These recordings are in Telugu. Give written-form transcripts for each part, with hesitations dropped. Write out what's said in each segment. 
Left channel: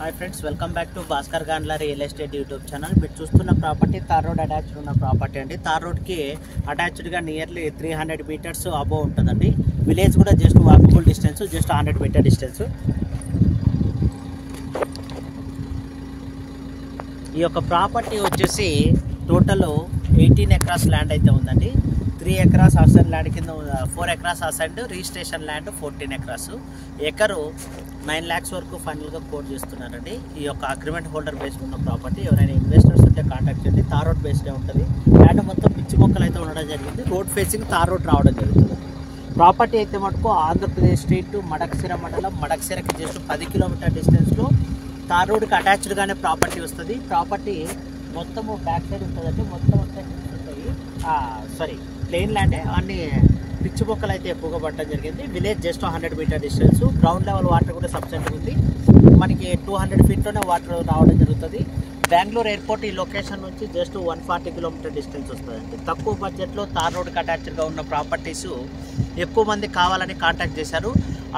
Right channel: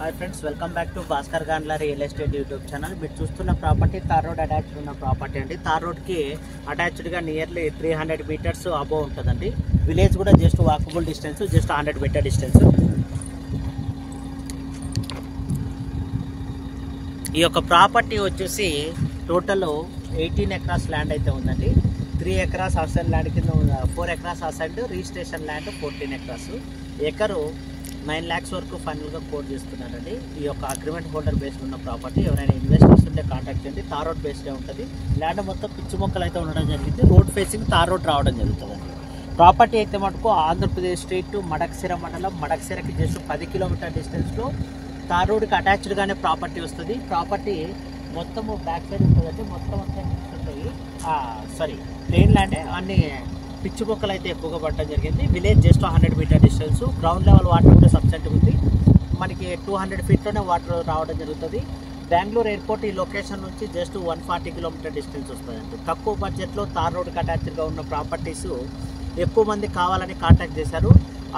Hi friends, welcome back to Bhaskar Gandla real estate YouTube channel. మీరు చూస్తున్న ప్రాపర్టీ తార్ రోడ్ అటాచ్డ్ ఉన్న ప్రాపర్టీ అండి. తార్ రోడ్కి అటాచ్డ్గా నియర్లీ 300 మీటర్స్ అబోవ్ ఉంటుందండి. విలేజ్ కూడా just walkable distance, just 100 metre distance. ఈ యొక్క ప్రాపర్టీ వచ్చేసి టోటల్ 18 ఎకరాస్ ల్యాండ్ అయితే ఉందండి. 3 ఎకరాస్ అసెంట్ ల్యాండ్ కింద, 4 acres assigned, registration land 14 acres. ఎకరు 9 lakhs వరకు ఫైనల్గా కోట్ చేస్తున్నారండి. ఈ యొక్క అగ్రిమెంట్ హోల్డర్ బేస్డ్ ఉన్న ప్రాపర్టీ. ఎవరైనా ఇన్వెస్టర్స్ ఉంటే కాంటాక్ట్ చేయండి. తార్ రోడ్ బేస్డే ఉంటుంది. ల్యాండ్ మొత్తం పిచ్చి మొక్కలు అయితే ఉండడం జరిగింది. రోడ్ ఫేసింగ్ తార్ రోడ్ రావడం జరుగుతుంది. ప్రాపర్టీ అయితే మటుకు ఆంధ్రప్రదేశ్ స్టేట్ మడక్సిర మండలం, మడక్సిరకి జస్ట్ 10 కిలోమీటర్ డిస్టెన్స్లో తార్ రోడ్కి అటాచ్డ్గానే ప్రాపర్టీ వస్తుంది. ప్రాపర్టీ మొత్తము బ్యాక్ సైడ్ ఉంటుందంటే మొత్తం అంతా హిల్స్ ఉంటాయి. ప్లెయిన్ ల్యాండే, అన్ని పిచ్చి మొక్కలు అయితే ఎక్కువగా పడటం జరిగింది. Village just 100 metre distance. Ground level water కూడా సబ్సెంట్గా ఉంది. మనకి 200 ఫీట్లోనే వాటర్ రావడం జరుగుతుంది. బెంగళూరు ఎయిర్పోర్ట్ ఈ లొకేషన్ నుంచి జస్ట్ 140 కిలోమీటర్ డిస్టెన్స్ వస్తుందండి. తక్కువ బడ్జెట్లో తార్ రోడ్కి అటాచ్డ్గా ఉన్న ప్రాపర్టీస్ ఎక్కువ మంది కావాలని కాంటాక్ట్ చేశారు.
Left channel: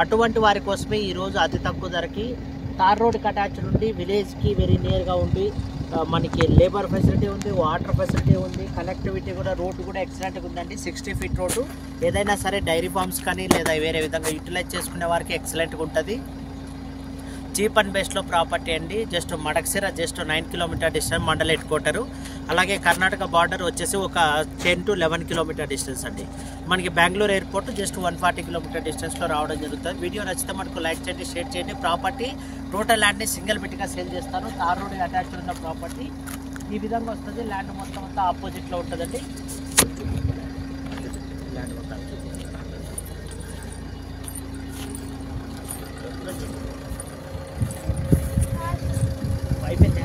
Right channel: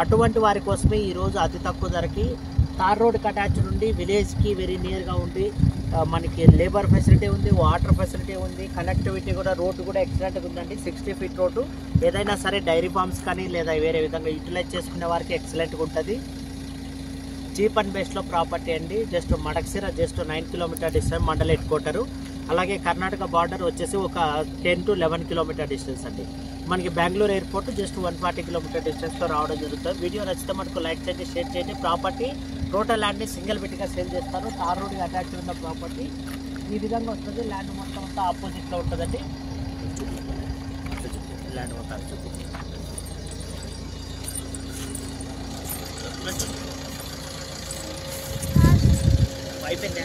అటువంటి వారి కోసమే ఈరోజు అతి తక్కువ ధరకి తార్ రోడ్కి అటాచ్డ్ ఉండి విలేజ్కి వెరీ నియర్గా ఉండి మనకి లేబర్ ఫెసిలిటీ ఉంది, వాటర్ ఫెసిలిటీ ఉంది, కనెక్టివిటీ కూడా, రోడ్డు కూడా ఎక్సలెంట్గా ఉందండి. 60 ఫీట్ రోడ్డు. ఏదైనా సరే డైరీ ఫార్మ్స్ కానీ లేదా వేరే విధంగా యూటిలైజ్ చేసుకునే వారికి ఎక్సలెంట్గా ఉంటుంది. చీప్ అండ్ బెస్ట్లో ప్రాపర్టీ అండి. Just Madakasira just 9 kilometre distance, mandal headquarter. అలాగే కర్ణాటక బార్డర్ వచ్చేసి ఒక 10 to 11 కిలోమీటర్ డిస్టెన్స్ అండి. మనకి బెంగళూరు ఎయిర్పోర్ట్ జస్ట్ 140 కిలోమీటర్ డిస్టెన్స్లో రావడం జరుగుతుంది. వీడియో నచ్చితే మనకు లైక్ చేయండి, షేర్ చేయండి. ప్రాపర్టీ టోటల్ ల్యాండ్ని సింగిల్ బిట్గా సేల్ చేస్తాను. తార్ రోడ్కి అటాచ్డ్ ఉన్న ప్రాపర్టీ ఈ విధంగా వస్తుంది. ల్యాండ్ మొత్తం అంతా ఆపోజిట్లో ఉంటుందండి. ల్యాండ్ మొత్తం అయిపోయిందా?